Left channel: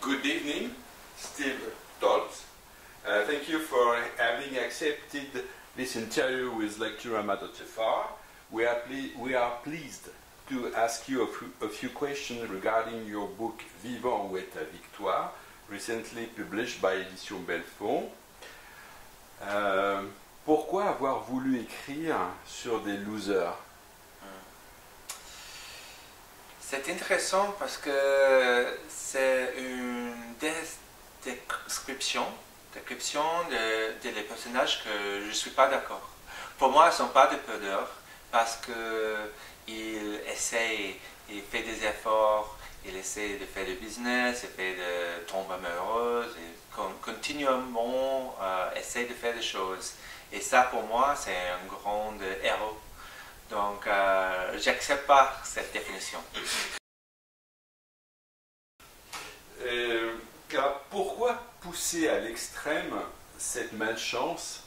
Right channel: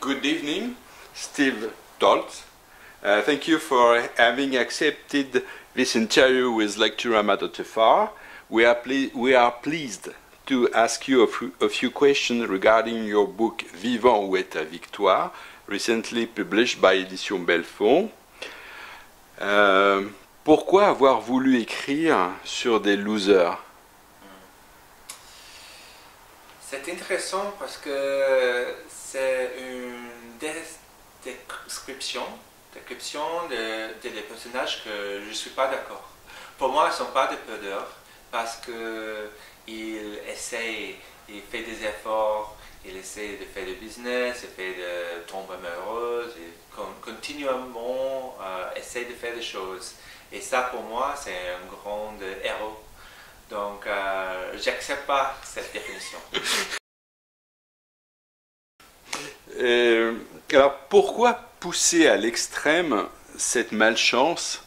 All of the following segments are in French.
Good evening, Steve Dalt. Thank you for having accepted this interview with Lecturama Tefar. We are pleased to ask you a few questions regarding your book Vivant ou est ta victoire, recently published by Édition Belfond. Pourquoi avoir voulu écrire sur des losers? C'est intéressant parce que c'est une description des personnages que je ne suis pas d'accord. Pour moi, ils ne sont pas des perdeurs parce qu'ils essayent, ils font des efforts, ils essaient de faire du business, ils essaient de tomber amoureux, et continuellement essayent de faire des choses. Et ça, pour moi, c'est un grand héros. Donc, j'accepte pas cette définition. Alors, pourquoi pousser à l'extrême cette malchance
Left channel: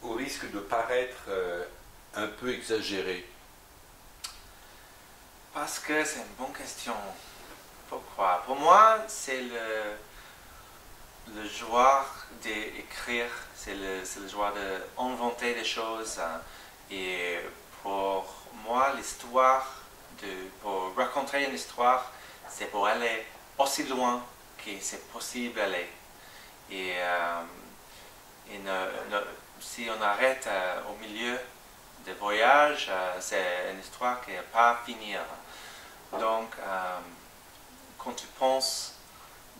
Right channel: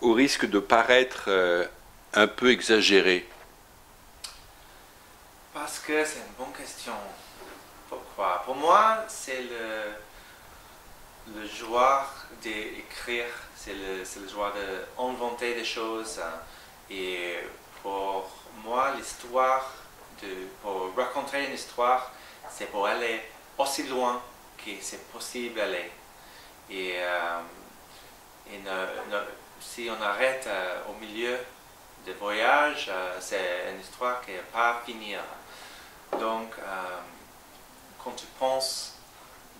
au risque de paraître un peu exagéré? Parce que c'est une bonne question. Pourquoi? Pour moi, c'est le joie d'écrire, c'est le joie d'inventer des choses. Et pour moi, l'histoire, pour raconter une histoire, c'est pour aller aussi loin que c'est possible d'aller. Et si on arrête au milieu des voyages, c'est une histoire qui ne va pas finir. Donc, quand tu penses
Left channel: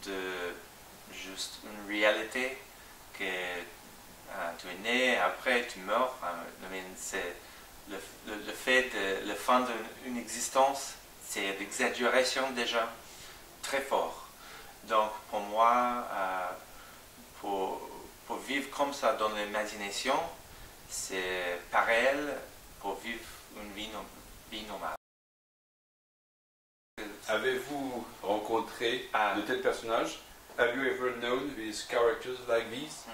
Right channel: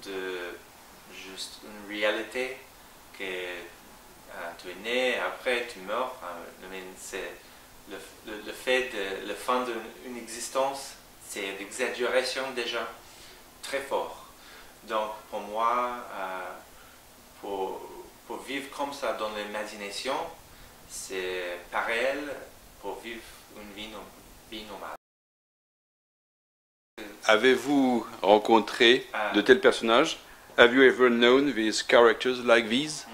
de juste une réalité que tu es né, après tu meurs, c'est le fait de la fin d'une existence, c'est l'exagération déjà très fort. Donc pour moi, pour vivre comme ça dans l'imagination, c'est pareil pour vivre une vie normale. Avez-vous rencontré de tels personnages? Have you ever known these characters like these?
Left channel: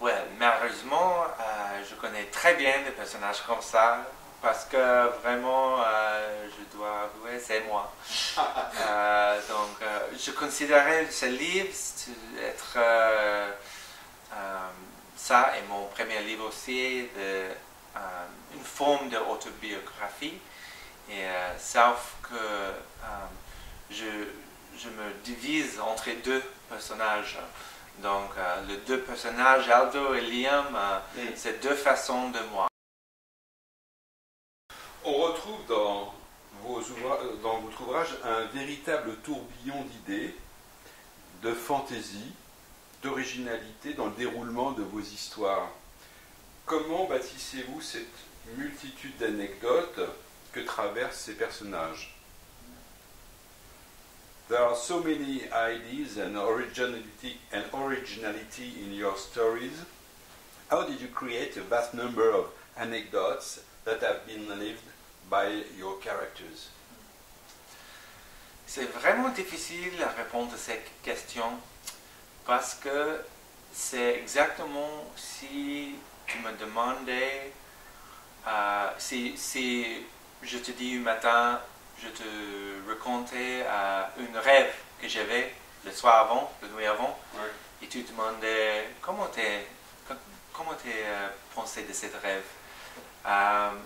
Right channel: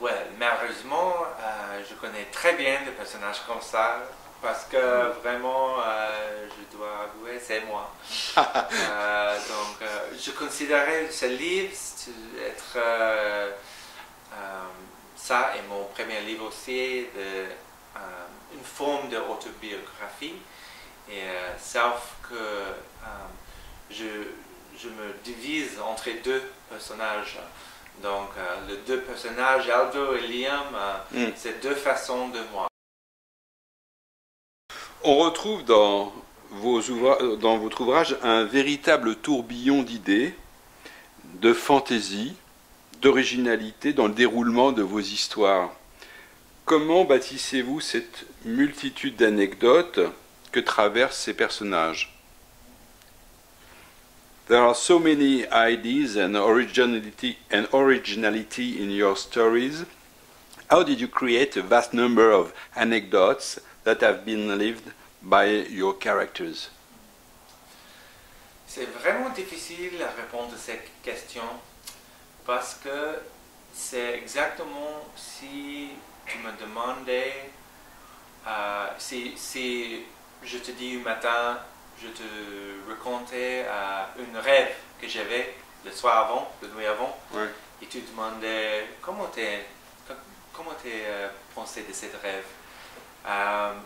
Ouais, malheureusement, je connais très bien des personnages comme ça, parce que vraiment, je dois avouer, c'est moi. Donc, je considérais ce livre être ça et mon premier livre aussi, une forme d'autobiographie. Et sauf que je me divise entre deux personnages. Donc, les deux personnages, Aldo et Liam, c'est deux façons de moi. On retrouve dans votre ouvrage un véritable tourbillon d'idées, de fantaisie, d'originalité dans le déroulement de vos histoires. Comment bâtissez-vous cette multitude d'anecdotes que traversent ces personnages? There are so many ideas and originality in your stories. How did you create a vast number of anecdotes that have been lived by your characters? C'est vraiment difficile à répondre à cette question parce que c'est exactement si tu me demandais, si je te dis un matin, je te racontais un rêve que j'avais le soir avant, la nuit avant, ouais. Et tu demandais comment tu pensé de ce rêve.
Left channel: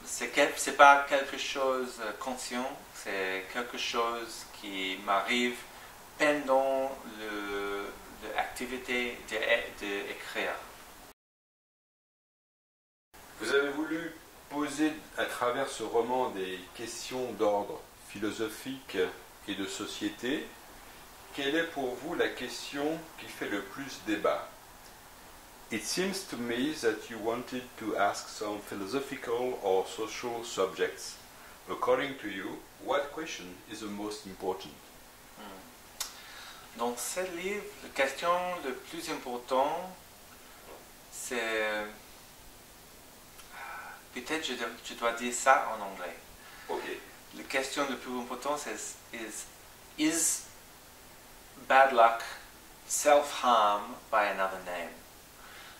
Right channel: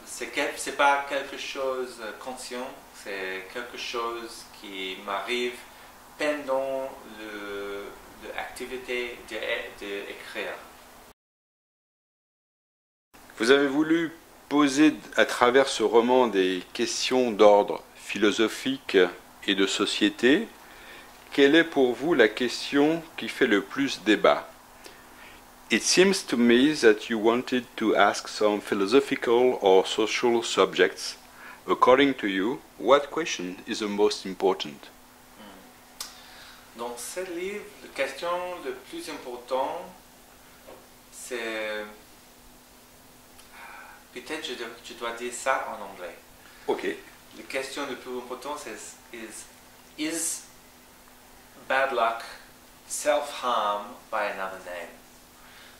C'est pas quelque chose de conscient, c'est quelque chose qui m'arrive pendant l'activité d'écrire. Vous avez voulu poser à travers ce roman des questions d'ordre philosophique et de société. Quelle est pour vous la question qui fait le plus débat? It seems to me that you wanted to ask some philosophical or social subjects. According to you, what question is the most important? Dans ce livre, la question la plus importante, c'est... Peut-être je dois dire ça en anglais. Ok. La question la plus importante, c'est is bad luck self-harm by another name?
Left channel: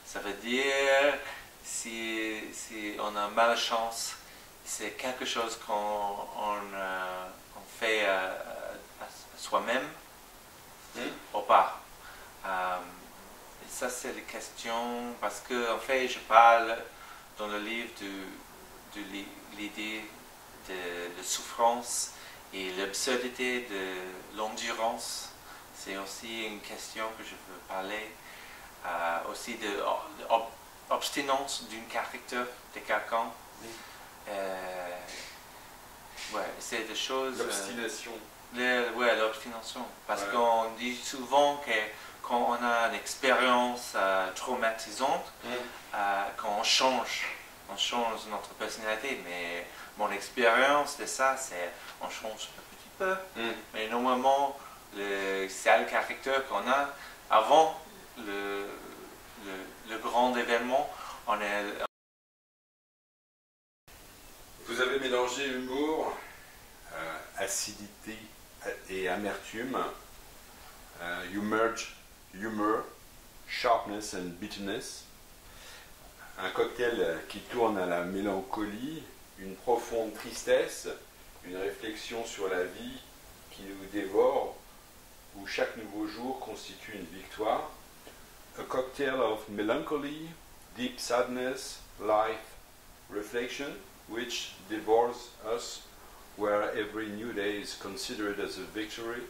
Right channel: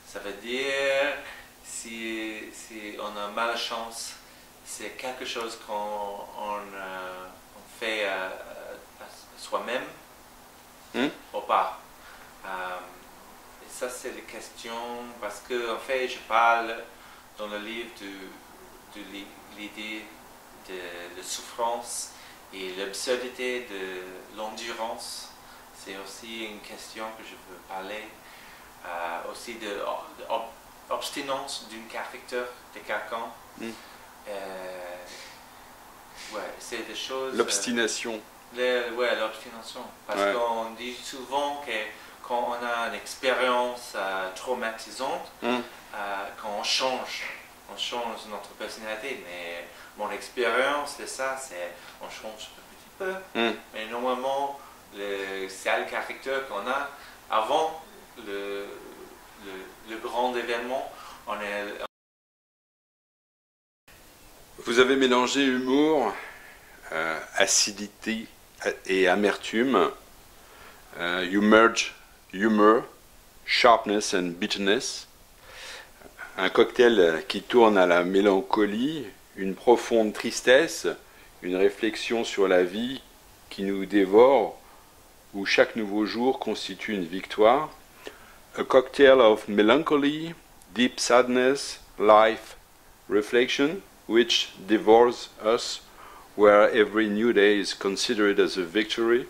Ça veut dire si on a malchance, c'est quelque chose qu'on fait à soi-même ou pas. Et ça, c'est la question, parce que en fait, je parle dans le livre de l'idée de souffrance et l'absurdité de l'endurance. C'est aussi une question que je veux parler. Aussi de l'obstinence d'un caractère de quelqu'un. Ouais, c'est des choses... L'obstination. Ouais, l'obstination. Parce qu'on dit souvent que quand on a une expérience traumatisante, quand on change notre personnalité. Mais mon expérience de ça, c'est on change un petit peu. Mais normalement, c'est le caractère qu'on a avant le grand événement. Vous avez mélangé humour, acidité et amertume. You merge humor, sharpness and bitterness. Un cocktail qui tourne à la mélancolie, une profonde tristesse, une réflexion sur la vie qui nous dévore, où chaque nouveau jour constitue une victoire. A cocktail of melancholy, deep sadness, life, reflection, which devours us, where every new day is considered as a victory.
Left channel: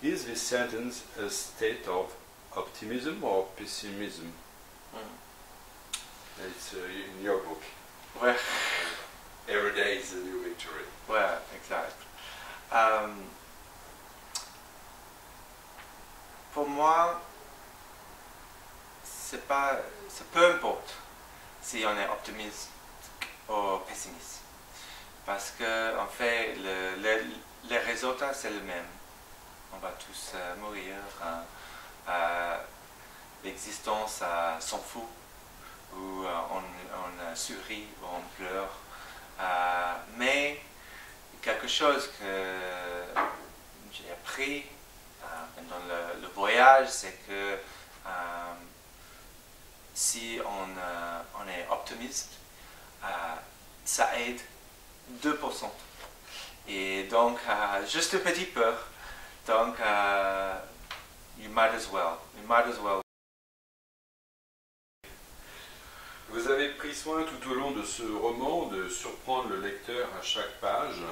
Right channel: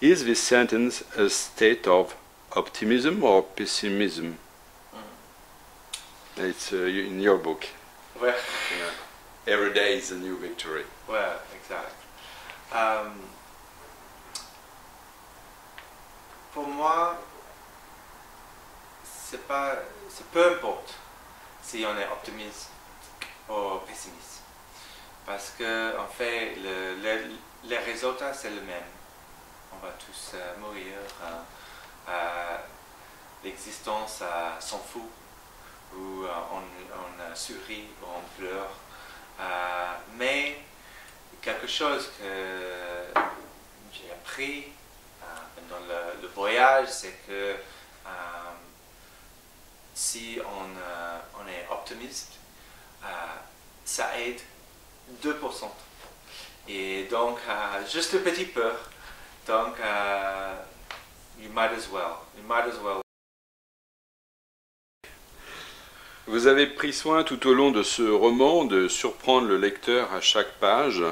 Is this sentence a state of optimism or pessimism? It's in your book. Ouais. Every day is a new victory. Ouais, exact. Pour moi, c'est peu importe si on est optimiste ou pessimiste. Parce que, en fait, les résultats, c'est le même. On va tous mourir. L'existence s'en fout. Ou on sourit, ou on pleure. Mais quelque chose que j'ai appris pendant le voyage, c'est que si on est optimiste, ça aide 2%. Et donc, juste un petit peu. Donc, you might as well. Vous avez pris soin tout au long de ce roman de surprendre le lecteur à chaque page.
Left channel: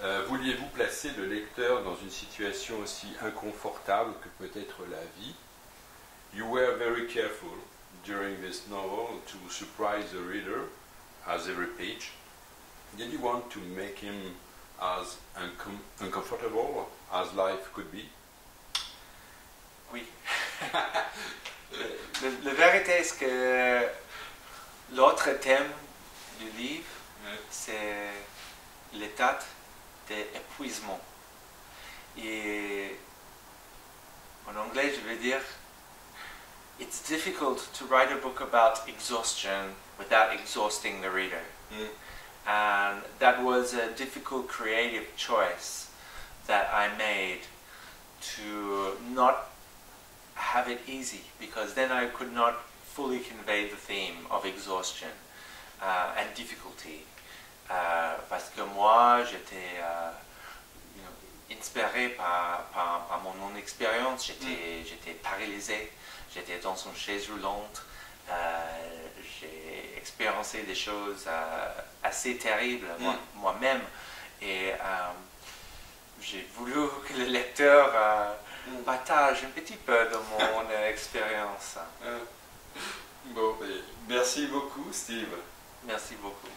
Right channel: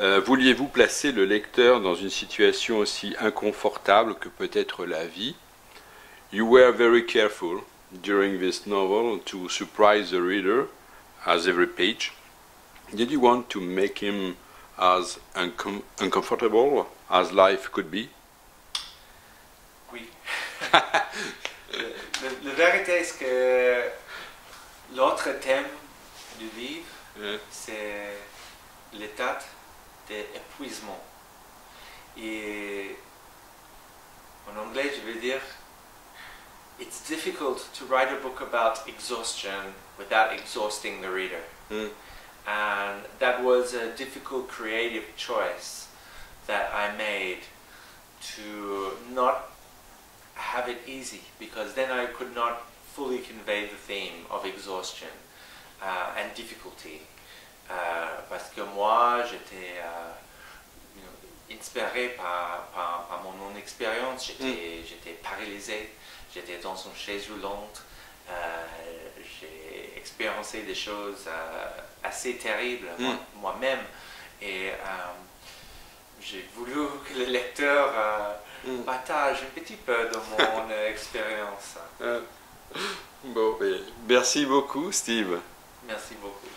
Vouliez-vous placer le lecteur dans une situation aussi inconfortable que peut être la vie? You were very careful during this novel to surprise the reader as every page. Did you want to make him as uncomfortable as life could be? Oui. La vérité est que l'autre thème du livre, c'est l'état d'épuisement. Et en anglais, je vais dire, it's difficult to write a book about exhaustion without exhausting the reader. And that was a difficult creative choice that I made to not have it easy, because then I could not fully convey the theme of exhaustion and difficulty. Parce que moi, j'étais inspiré par mon expérience. J'étais paralysé, j'étais dans une chaise roulante. J'ai expérimenté des choses assez terribles moi-même. Et j'ai voulu que le lecteur partage un petit peu de mon expérience. Bon, merci beaucoup, Steve. Merci beaucoup.